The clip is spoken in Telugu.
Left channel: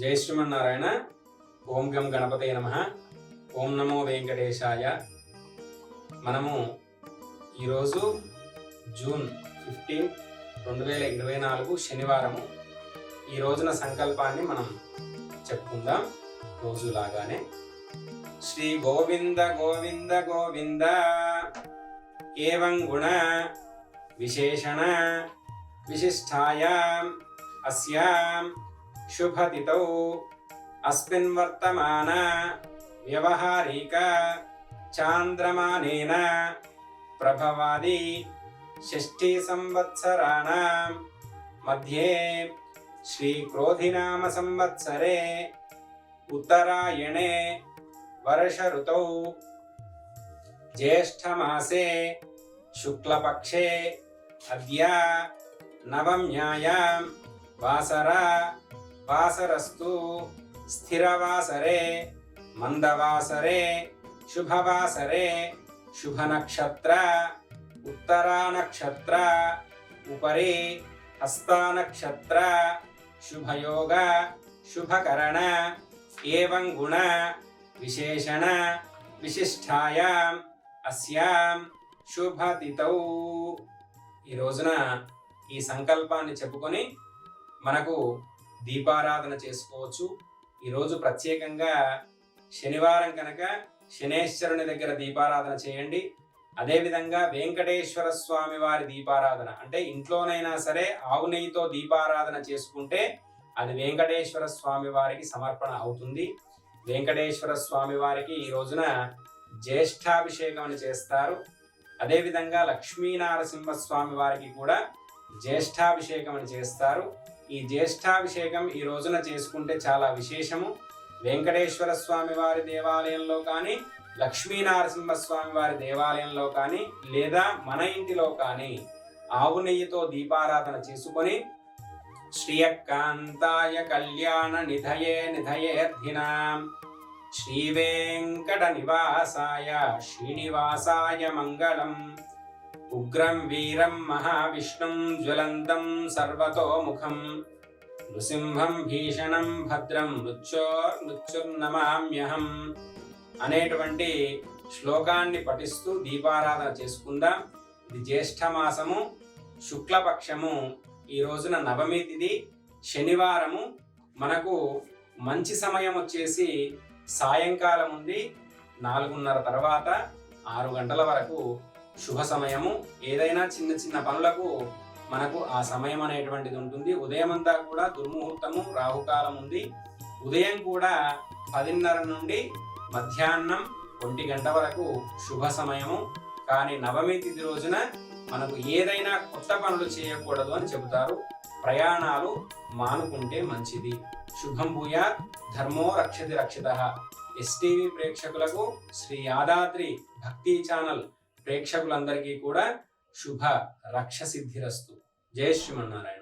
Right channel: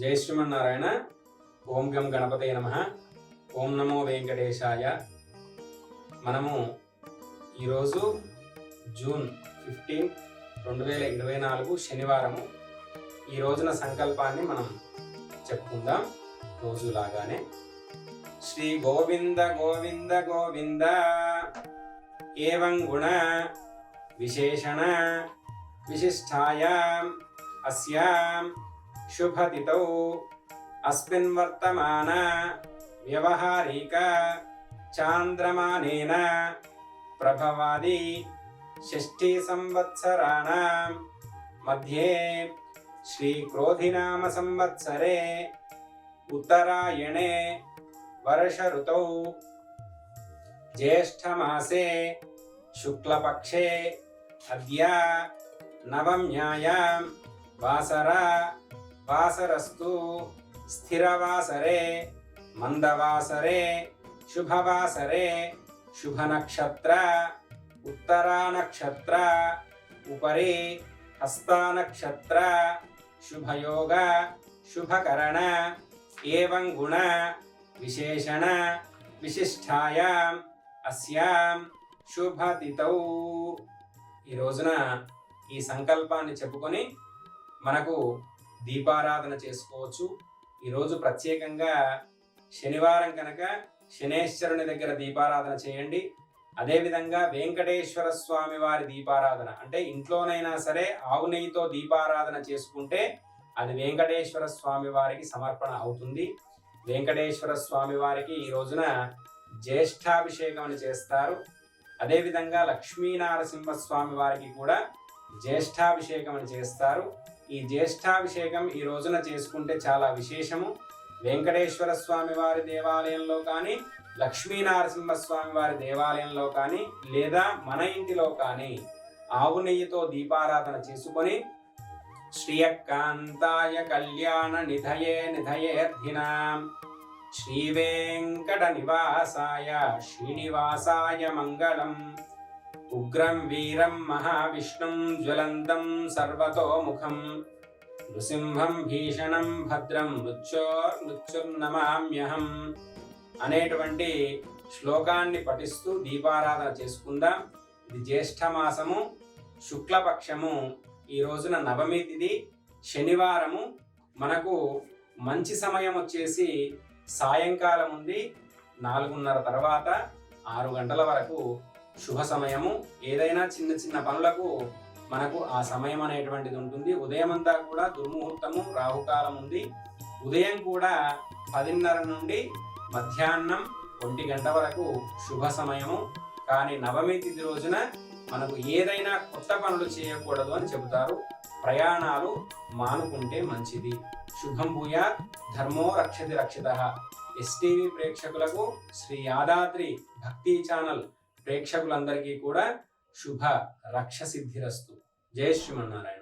జై శ్రీమన్నారాయణ. ఓం గం గణపతయ నమః. ఓం నమో వెంకటేశాయ. మనము ఈరోజు జూన్ 15, 2024 శనివారము. ఈ రోజున సంకల్పాన్ని మనం చెప్పుకుందాం రోజులాగానే. శ్రీ గోవింద గోవింద గోవింద ఏవం గుణ విశేషణ విశిష్టాయాం అస్యాం శుభతిథౌ అస్మిన్ వర్తమాన వ్యవహారిక చాంద్రమానేన ప్రభవాది షష్ఠీ సంవత్సరాణం మధ్యే శ్రీ క్రోధినామ సంవత్సరే ఉత్తరాయణే వర్ష ఋతౌ జ్యేష్ఠమాసే శుక్లపక్షే అద్య నవమ్యాయాం వాసరస్తు స్థిరవాసరే మందవాసరే శుభవాసరే శుభనక్షత్ర ఉత్తరానక్షత్ర ఉపరి హస్తానక్షత్ర శుభయోగ శుభకరణ ఏవం గుణ విశేషణ విశిష్టాయాం అస్యాం శుభతిథౌ. ఈ రోజున ఈ సంకల్పాన్ని చెప్పుకొని మనకు దీపారాధన చేసుకోవచ్చు. ఈరోజు ప్రత్యేకంగా శనివారం కనుక శనేశ్వరుని దగ్గర దీపారాధన చేయండి. అదేవిధంగా వెంకటేశ్వర స్వామి వారి దీపారాధన అంటే ఇంట్లోనైనా సరే ఆవు నెయ్యితో దీపారాధన చేసుకుంటే అది వెంకటేశ్వర స్వామి వారికి సమర్పణ అవుతుంది. వెంకటేశ్వర స్వామి వారికి ఈ రోజున జ్యేష్ఠాభిషేకం అని చేస్తారు. అదేవిధంగా లక్ష్మీనారసింహస్వామి వారికి కూడా జ్యేష్ఠాభిషేకం అని చేస్తారు. ఈ జ్యేష్ఠాభిషేకం ఈ రోజున చేసుకుంటే చాలా విశేషము. వెంకటేశ్వర స్వామి వారి దేవాలయంలో కానీ లక్ష్మీనారసింహస్వామి వారి దేవాలయంలో కానీ లేదా మన ఇంటిలో కానీ ఆవు నెయ్యితో దీపారాధన చేసుకొని శ్రీయకాంతాయ కళ్యాణ నిధయే నిధయేర్థినాం శ్రీ వెంకట నివాసాయ శ్రీనివాసాయ మంగళం. ఉగ్రం వీరం మహావిష్ణుం జ్వలంతం సర్వతోముఖం నృసింహం భీషణం భద్రం మృత్యుర్నమామ్యహం అనేటువంటి శ్లోకాన్ని పఠిస్తూ దీపారాధన చేసుకుందాం. ఇది జ్యేష్ఠ మాసము, శుక్లపక్షము. ఈ రోజున నవమి తిథి శనివారము. మనకు మంచి సమయం వచ్చేసి సాయంకాలం ఉంది 4:30 తర్వాత 6 గంటల వరకు శుభ సమయము. ఏదైనా చిన్న చిన్న పనులకు మనకు ఆ సమయం అనేటువంటిది ఉంటుంది. ఉదయం అంతా కూడా దుర్ముహూర్తము, రాహుకాలం ఉంది. ఉదయం కూడా 10:30 నుండి మధ్యాహ్నం 1 గంట వరకు శుభ సమయము. కానీ నవమి తిథి రోజున మనకు ఏదైనా కొత్త పనులు చేయకూడదు అని చెబుతారు. ప్రయాణాలు మానుకుంటే మంచిది. శుభం భూయాత్, ధర్మో రక్షతి రక్షితః. ఎస్టీవీ ప్రేక్షకులకు, శ్రీ యాదాద్రి భక్తి ఛానల్ ప్రేక్షకులందరికీ కూడా శుభ రక్ష సిద్ధిరస్తు. జై శ్రీమన్నారాయణ.